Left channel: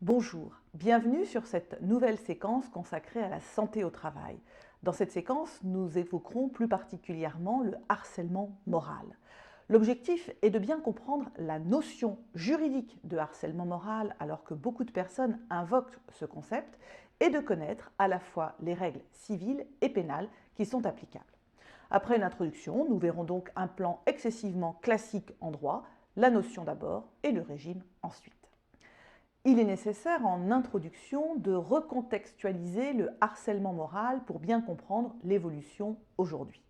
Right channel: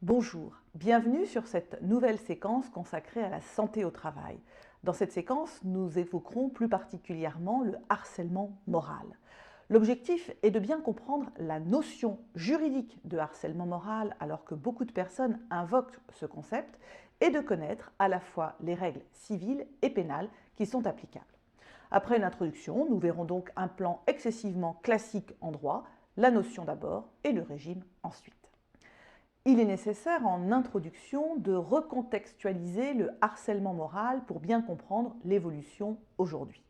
Bonjour, bienvenue sur cette nouvelle séquence consacrée à la santé au travail. Dans cette séquence, nous évoquerons plus particulièrement le harcèlement moral. L'objectif est de bien comprendre la notion juridique de harcèlement moral alors que beaucoup de personnes invoquent ce concept et de connaître à la fois les règles civiles et pénales qui sont applicables. Après une introduction, nous verrons donc un plan excessivement classique en droit, la notion d'abord et le régime ensuite. Il est nécessaire en introduction de recontextualiser le harcèlement moral pour bien comprendre l'évolution aujourd'hui.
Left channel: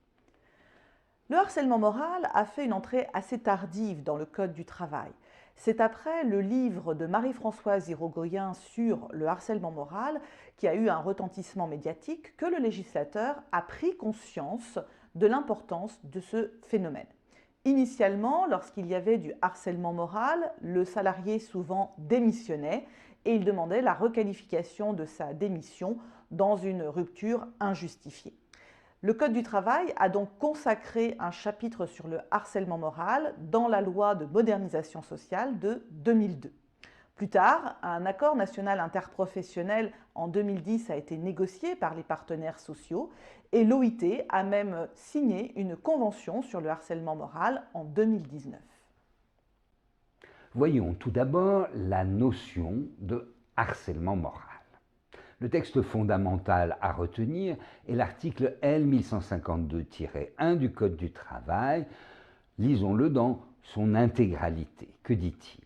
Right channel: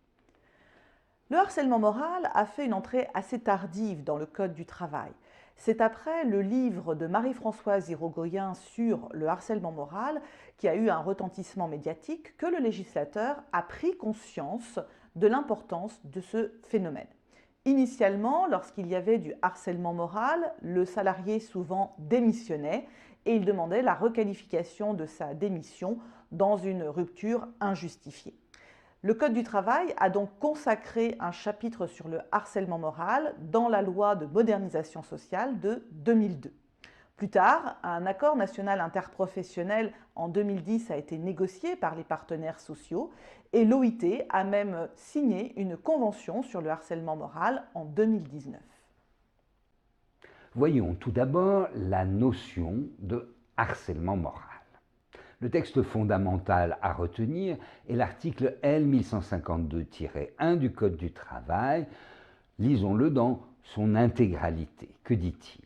Le harcèlement moral a fait une entrée assez tardive dans le Code du travail. C'est après le livre de Marie-Françoise Irigoyen sur le harcèlement moral, qui a eu un retentissement médiatique, que le législateur a pris conscience de l'importance de ce phénomène. Initialement, lorsqu'il y avait du harcèlement moral, le salarié souvent démissionnait et il demandait la requalification de sa démission dans une rupture injustifiée. Le Code du travail a donc consacré un chapitre sur le harcèlement moral dans la loi de modernisation sociale de 2002. Plus tard, un accord national interprofessionnel en 2010 a été négocié par les partenaires sociaux et l'OIT a même signé une convention sur le harcèlement moral en 2019. Voyons tout d'abord la notion de harcèlement moral. Le texte fondamental à retenir est l'article L 1152-1 du Code du travail. Lisons-le dans son intégralité. Que dit-il ?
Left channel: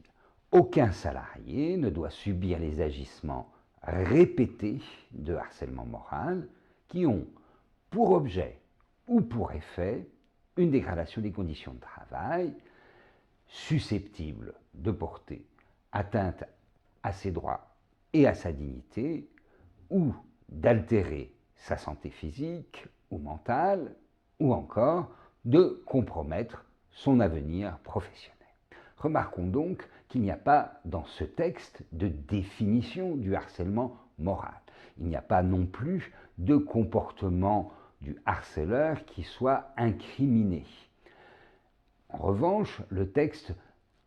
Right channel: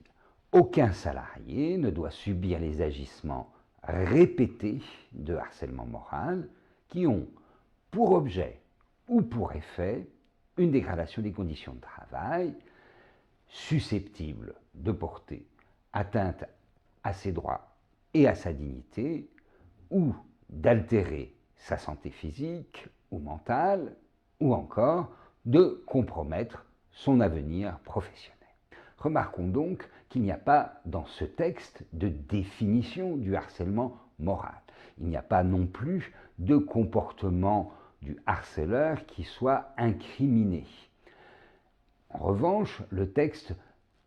Aucun salarié ne doit subir les agissements répétés de harcèlement moral qui ont pour objet ou pour effet une dégradation des conditions de travail susceptible de porter atteinte à ses droits et à sa dignité ou d'altérer sa santé physique ou mentale ou encore de compromettre son avenir professionnel. Remarquons donc qu'il n'y a pas dans ce texte de définition du harcèlement moral. Il n'y a pas non plus de comportement du harceleur qui soit incriminé. En revanche, le texte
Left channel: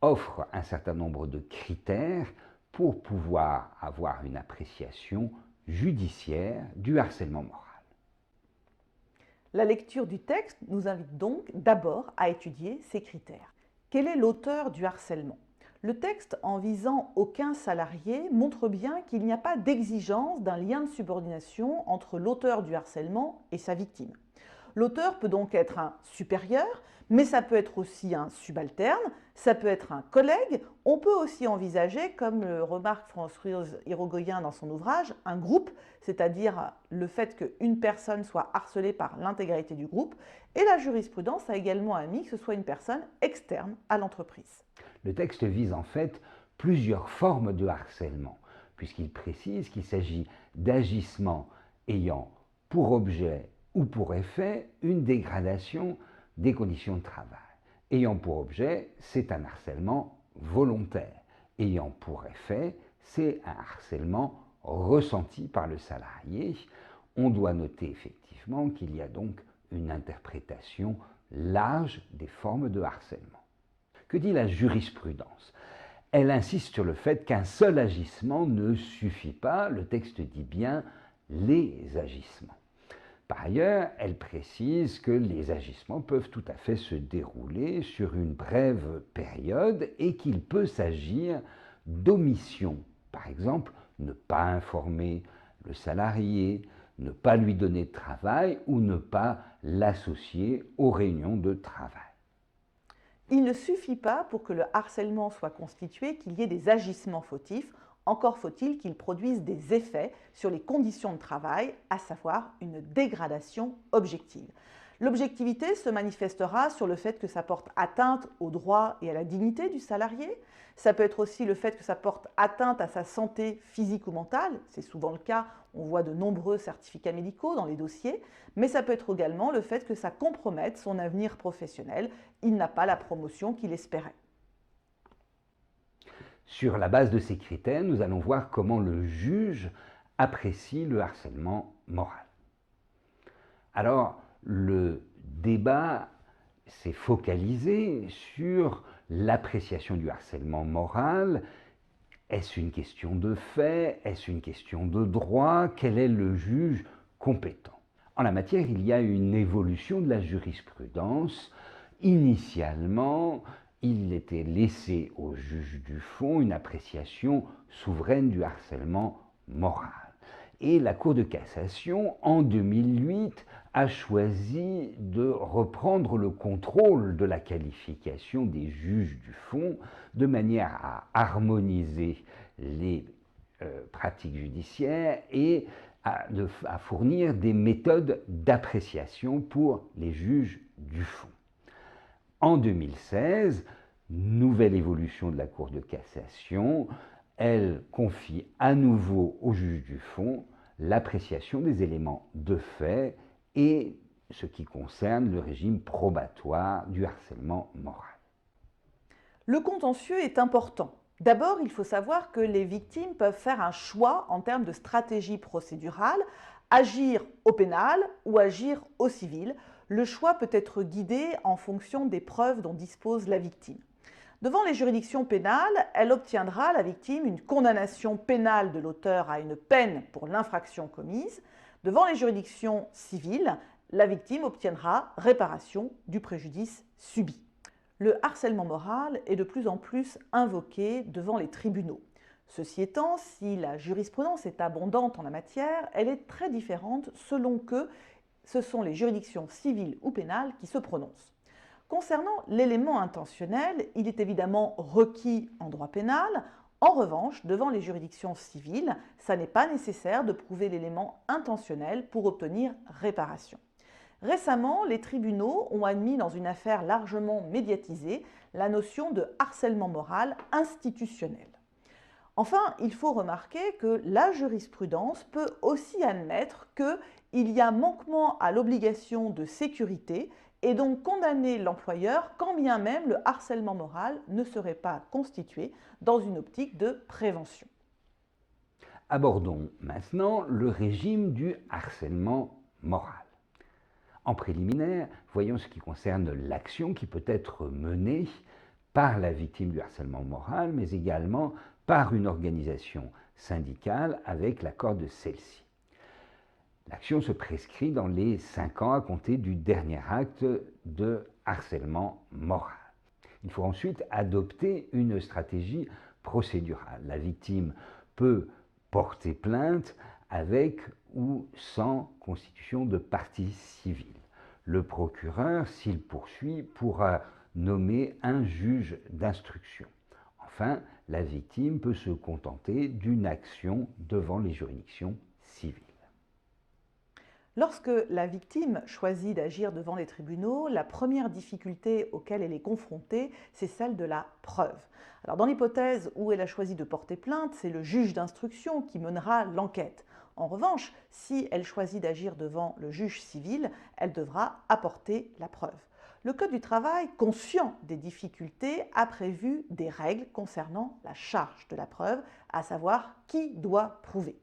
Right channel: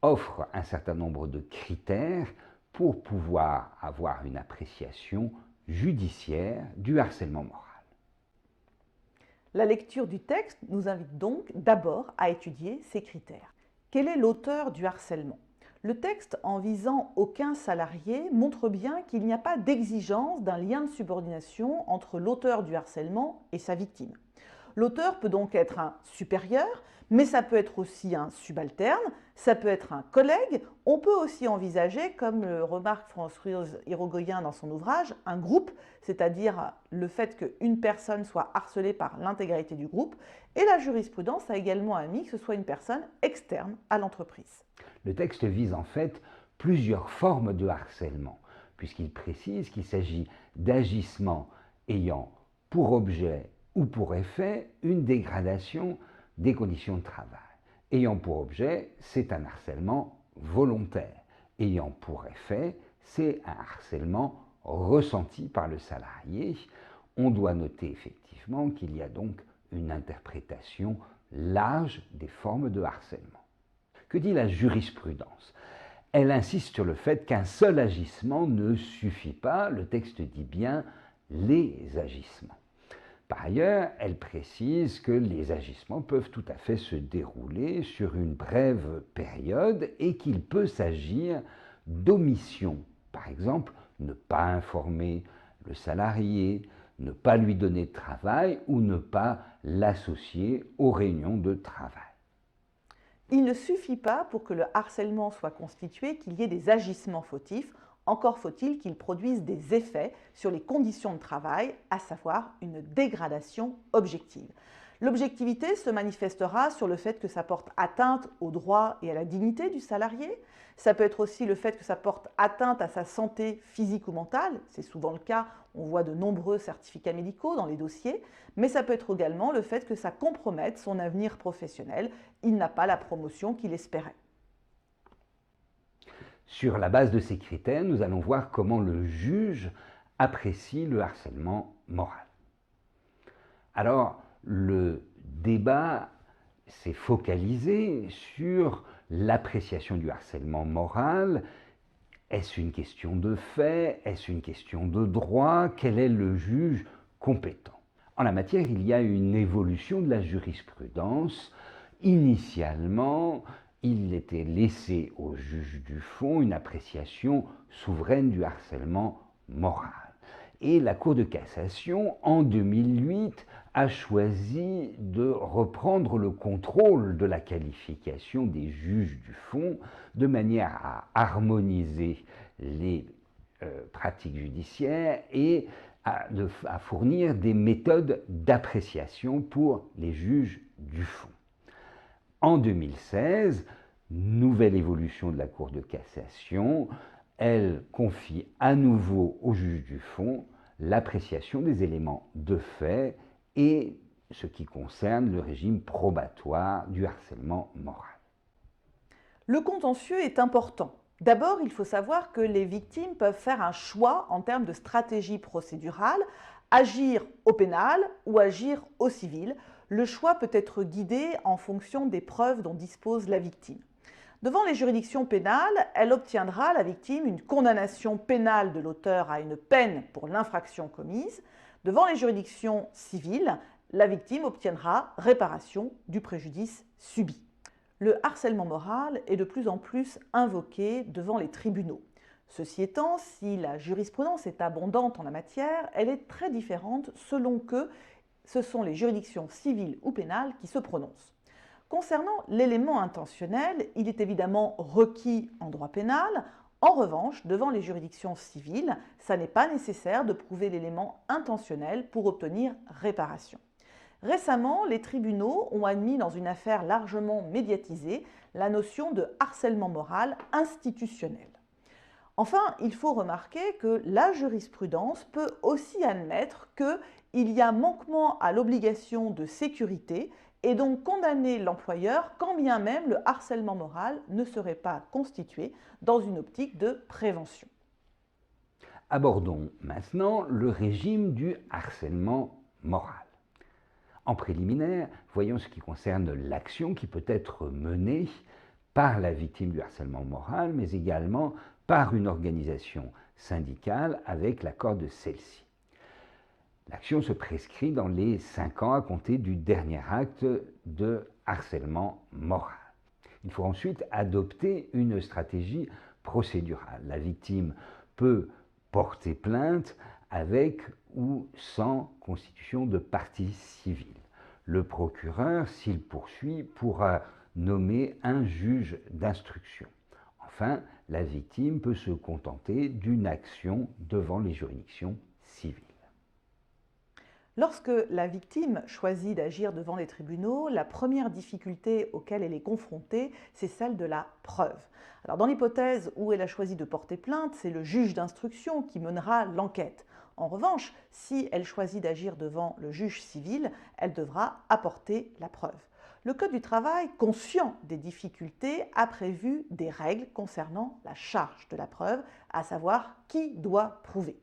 offre un certain nombre de critères pour pouvoir avoir une appréciation judiciaire du harcèlement moral. La lecture du texte nous invite donc d'abord à étudier ces critères. Quel est l'auteur du harcèlement ? Le texte, en visant aucun salarié, montre bien qu'il n'y a pas d'exigence d'un lien de subordination entre l'auteur du harcèlement et sa victime. L'auteur peut donc être un supérieur, mais ça peut être aussi un subalterne, ça peut être un collègue. On peut aussi envisager, comme le remarque Françoise Irigoyen dans son ouvrage, un groupe, c'est-à-dire le fait qu'une personne soit harcelée par l'intégralité du groupe. Et la jurisprudence a également admis que ce soit une personne externe à l'entreprise. Le texte vise en fait plusieurs formes de harcèlement, puisqu'il précise qu'il s'agit d'agissements ayant pour objet ou pour effet une dégradation des conditions de travail. Ayant pour objet, c'est un harcèlement volontaire. Ayant pour effet, c'est un harcèlement ressenti par le salarié. On doit noter effectivement qu'il y a donc une interprétation large des formes de harcèlement. Que dit la jurisprudence ? Elle insiste sur le fait qu'un seul agissement ne suffit pas. Le texte dit bien les agissements. Par ailleurs, elle précise que les agissements peuvent tout à fait se dérouler sur une brève période et qu'il peut s'agir d'omission. Par exemple, ne pas informer le salarié, ne pas lui donner de travail ou ne pas l'associer aux réunions de travail. Il ne suffit pas pour que le harcèlement soit constitué qu'il y ait des agissements fautifs, encore faut-il qu'ils produisent des effets sur les conditions de travail, à savoir une dégradation objective. L'objectivité se manifestera sur le fait que ça porte atteinte aux droits et à la dignité du salarié. Ça peut être aussi le fait que ça porte atteinte à sa santé physique ou mentale. C'est souvent le cas, on voit de nombreux certificats médicaux dans les dossiers. Mais ça peut être également le fait que ça compromette son avenir professionnel. Il n'a pas la promotion qu'il espérait. Sur la base de ces critères, nous allons voir comment le juge apprécie le harcèlement moral. Alors, le débat s'est focalisé sur l'appréciation du harcèlement moral Est-ce une question de fait? Est-ce une question de droit? Quel est le juge compétent? En la matière, il y a une évolution de la jurisprudence. Initialement, il était laissé au juge du fond une appréciation souveraine du harcèlement moral. Et la Cour de cassation, en 2008, a choisi de reprendre le contrôle de la qualification des juges du fond de manière à harmoniser les pratiques judiciaires et à fournir des méthodes d'appréciation pour les juges du fond. En 2016, nouvelle évolution de la Cour de cassation, elle confie à nouveau au juge du fond l'appréciation des éléments de fait et ce qui concerne le régime probatoire du harcèlement moral. Le contentieux est important. D'abord, il faut savoir que les victimes peuvent faire un choix en termes de stratégie procédurale, agir au pénal ou agir au civil. Le choix peut être guidé en fonction des preuves dont dispose la victime. Devant les juridictions pénales, elle obtiendra, la victime, une condamnation pénale de l'auteur à une peine pour l'infraction commise. Devant les juridictions civiles, la victime obtiendra réparation du préjudice subi. Le harcèlement moral est de plus en plus invoqué devant les tribunaux. Ceci étant, si la jurisprudence est abondante en la matière, elle est très différente selon que ce sont les juridictions civiles ou pénales qui se prononcent. Concernant l'élément intentionnel, il est évidemment requis en droit pénal. En revanche, devant les juridictions civiles, ça n'est pas nécessaire de prouver l'élément intentionnel pour obtenir réparation. Récemment, les tribunaux ont admis dans une affaire largement médiatisée la notion de harcèlement moral institutionnel. Enfin, il faut remarquer que la jurisprudence peut aussi admettre qu'il y a manquement à l'obligation de sécurité et donc condamner l'employeur quand bien même le harcèlement moral ne serait pas constitué dans une optique de prévention. Abordons maintenant le régime du harcèlement moral. En préliminaire, voyons ce qui concerne l'action qui peut être menée par la victime du harcèlement moral, mais également par une organisation syndicale avec l'accord de celle-ci. L'action se prescrit dans les 5 ans à compter du dernier acte de harcèlement moral. Il faut ensuite adopter une stratégie procédurale. La victime peut porter plainte avec ou sans constitution de partie civile. Le procureur, s'il poursuit, pourra nommer un juge d'instruction. Enfin, la victime peut se contenter d'une action devant les juridictions civiles. Lorsque la victime choisit d'agir devant les tribunaux, la première difficulté auquel elle est confrontée, c'est celle de la preuve. Alors, dans l'hypothèse où elle a choisi de porter plainte, c'est le juge d'instruction qui mènera l'enquête. En revanche, si elle choisit d'agir devant le juge civil, elle devra apporter la preuve. Le Code du travail, conscient des difficultés, a prévu des règles concernant la charge de la preuve, à savoir qui doit prouver.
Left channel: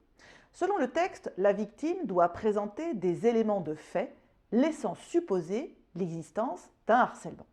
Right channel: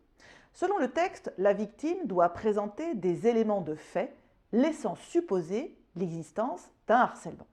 Selon le texte, la victime doit présenter des éléments de fait laissant supposer l'existence d'un harcèlement.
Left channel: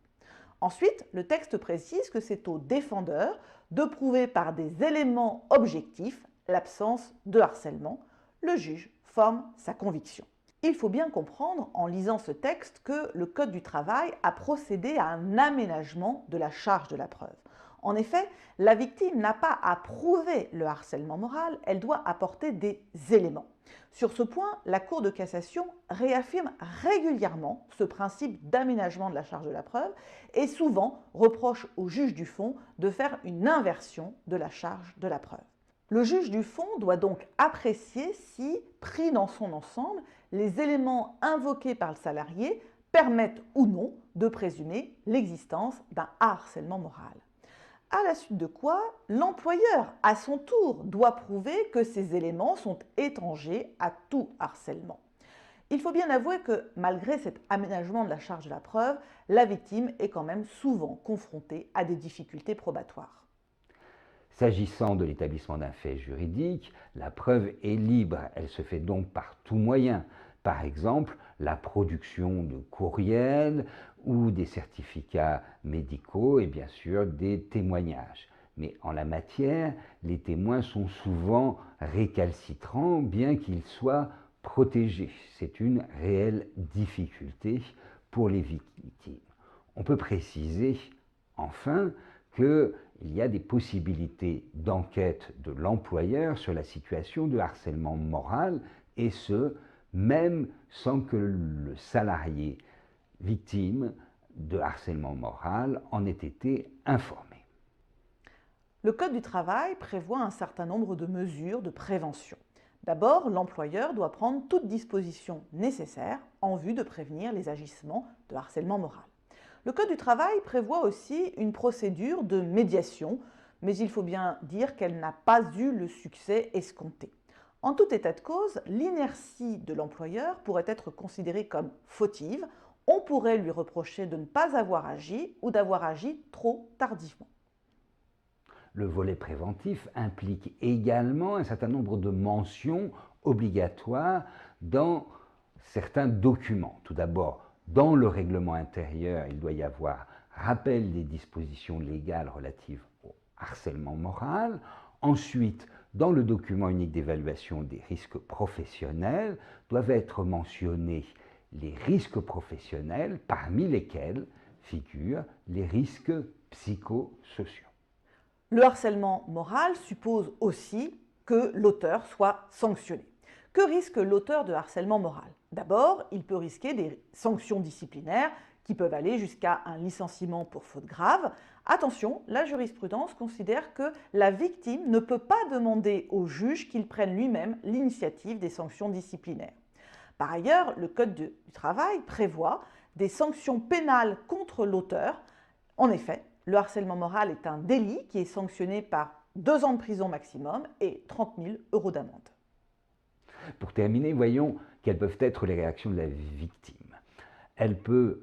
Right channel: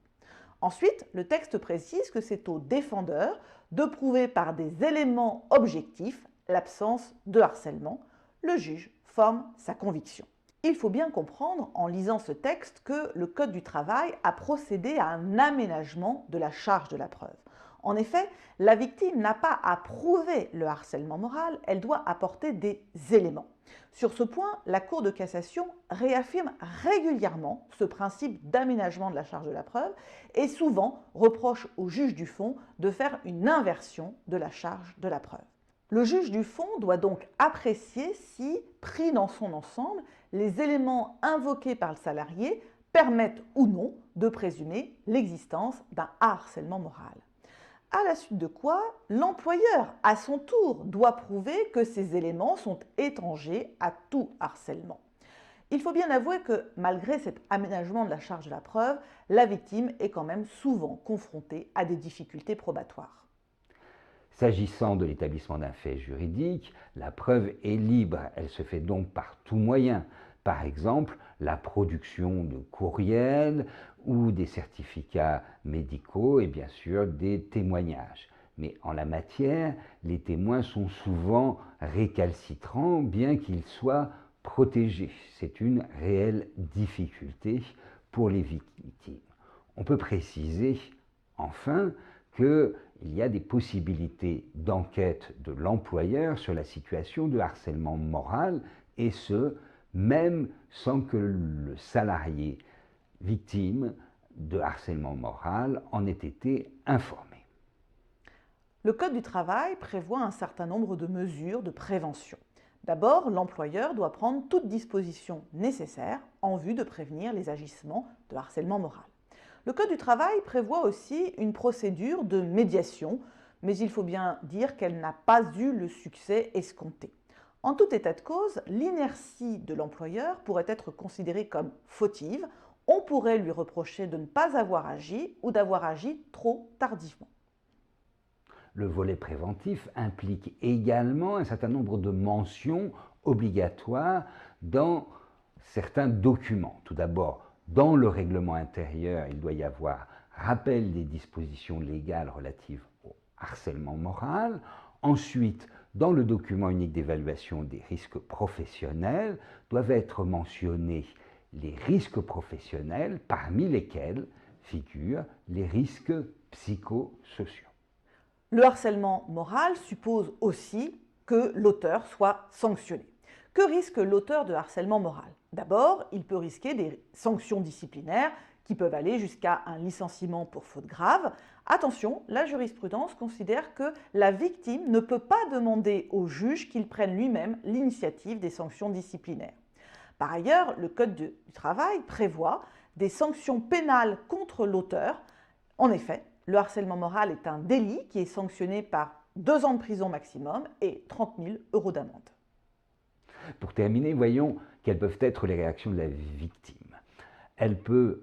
Ensuite, le texte précise que c'est au défendeur de prouver par des éléments objectifs l'absence de harcèlement. Le juge forme sa conviction. Il faut bien comprendre, en lisant ce texte, que le Code du travail a procédé à un aménagement de la charge de la preuve. En effet, la victime n'a pas à prouver le harcèlement moral, elle doit apporter des éléments. Sur ce point, la Cour de cassation réaffirme régulièrement ce principe d'aménagement de la charge de la preuve et souvent reproche au juge du fond de faire une inversion de la charge de la preuve. Le juge du fond doit donc apprécier si, pris dans son ensemble, les éléments invoqués par le salarié permettent ou non de présumer l'existence d'un harcèlement moral. À la suite de quoi, l'employeur, à son tour, doit prouver que ces éléments sont étrangers à tout harcèlement. Il faut bien avouer que, malgré cet aménagement de la charge de la preuve, la victime est quand même souvent confrontée à des difficultés probatoires. S'agissant de l'établissement d'un fait juridique, la preuve est libre, elle se fait donc par tout moyen. Par exemple, la production de courriels ou des certificats médicaux et bien sûr des témoignages. Mais en la matière, les témoins sont souvent récalcitrants, bien qu'ils soient protégés. C'est une réelle difficulté pour les victimes. On peut préciser, enfin, qu'il y a des possibilités d'enquête de l'employeur sur la situation de harcèlement moral, et ce, même sans que le salarié victime de harcèlement moral en ait été informé. Le Code du travail prévoit un certain nombre de mesures de prévention. D'abord, l'employeur doit prendre toute disposition nécessaire en vue de prévenir les agissements de harcèlement moral. Le Code du travail prévoit aussi une procédure de médiation, mais il faut bien dire qu'elle n'a pas eu le succès escompté. En tout état de cause, l'inertie de l'employeur pourrait être considérée comme fautive. On pourrait lui reprocher de ne pas avoir agi ou d'avoir agi trop tardivement. Le volet préventif implique également un certain nombre de mentions obligatoires dans certains documents. Tout d'abord, dans le règlement intérieur, il doit y avoir rappel des dispositions légales relatives au harcèlement moral. Ensuite, dans le document unique d'évaluation des risques professionnels, doivent être mentionnés les risques professionnels, parmi lesquels figurent les risques psychosociaux. Le harcèlement moral suppose aussi que l'auteur soit sanctionné. Que risque l'auteur de harcèlement moral? D'abord, il peut risquer des sanctions disciplinaires qui peuvent aller jusqu'à un licenciement pour faute grave. Attention, la jurisprudence considère que la victime ne peut pas demander au juge qu'il prenne lui-même l'initiative des sanctions disciplinaires. Par ailleurs, le Code du travail prévoit des sanctions pénales contre l'auteur. En effet, le harcèlement moral est un délit qui est sanctionné par 2 ans de prison maximum et 30 000 € d'amende. Pour terminer, voyons quelles peuvent être les réactions de la victime. Elle peut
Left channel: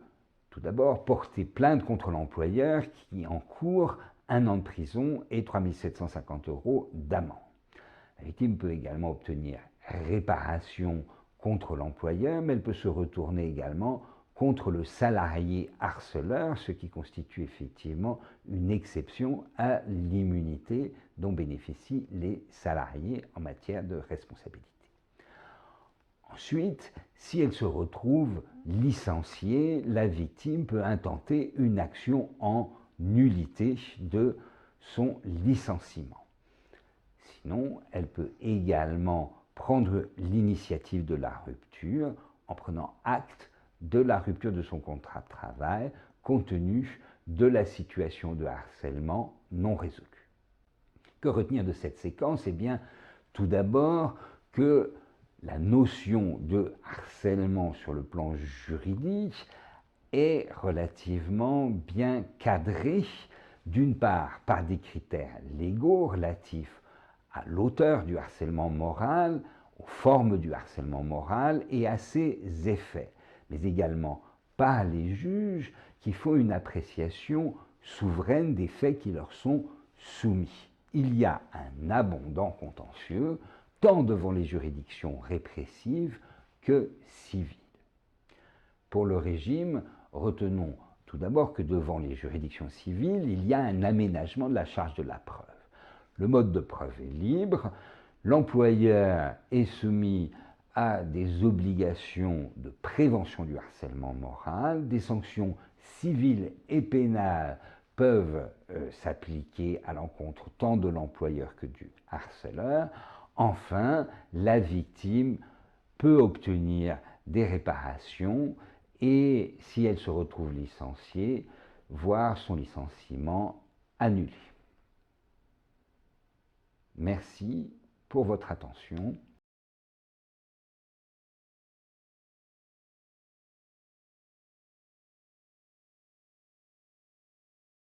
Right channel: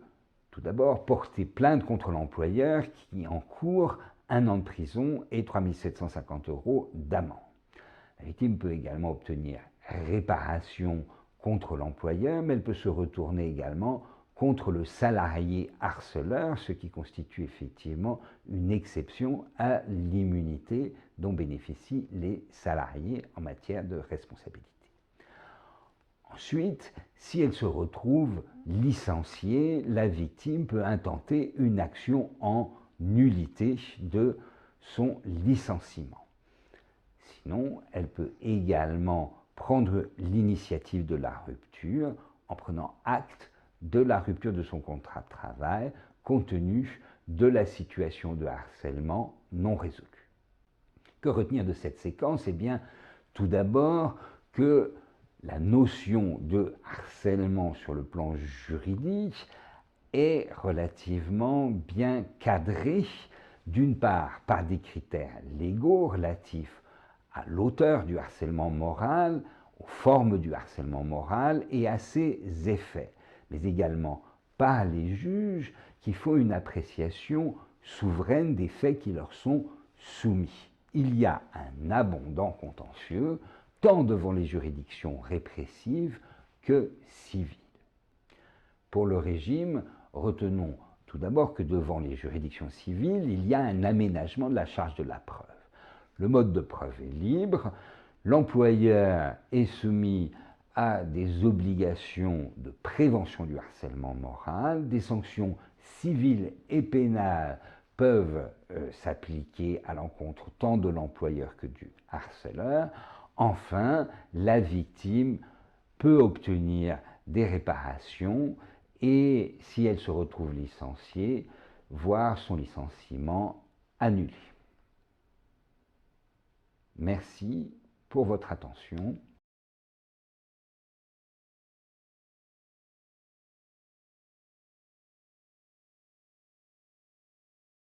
tout d'abord porter plainte contre l'employeur qui encourt 1 an de prison et 3 750 € d'amende. La victime peut également obtenir réparation contre l'employeur, mais elle peut se retourner également contre le salarié harceleur, ce qui constitue effectivement une exception à l'immunité dont bénéficient les salariés en matière de responsabilité. Ensuite, si elle se retrouve licenciée, la victime peut intenter une action en nullité de son licenciement. Sinon, elle peut également prendre l'initiative de la rupture en prenant acte de la rupture de son contrat de travail compte tenu de la situation de harcèlement non résolue. Que retenir de cette séquence? Eh bien, tout d'abord que la notion de harcèlement sur le plan juridique est relativement bien cadrée, d'une part par des critères légaux relatifs à l'auteur du harcèlement moral, aux formes du harcèlement moral et à ses effets, mais également par les juges qui font une appréciation souveraine des faits qui leur sont soumis. Il y a un abondant contentieux, tant devant les juridictions répressives que civiles. Pour le régime, retenons tout d'abord que devant les juridictions civiles, il y a un aménagement de la charge de la preuve. Le mode de preuve est libre, l'employeur est soumis à des obligations de prévention du harcèlement moral, des sanctions civiles et pénales peuvent s'appliquer à l'encontre tant de l'employeur que du harceleur. Enfin, la victime peut obtenir des réparations et, si elle se retrouve licenciée, voir son licenciement annulé. Merci pour votre attention.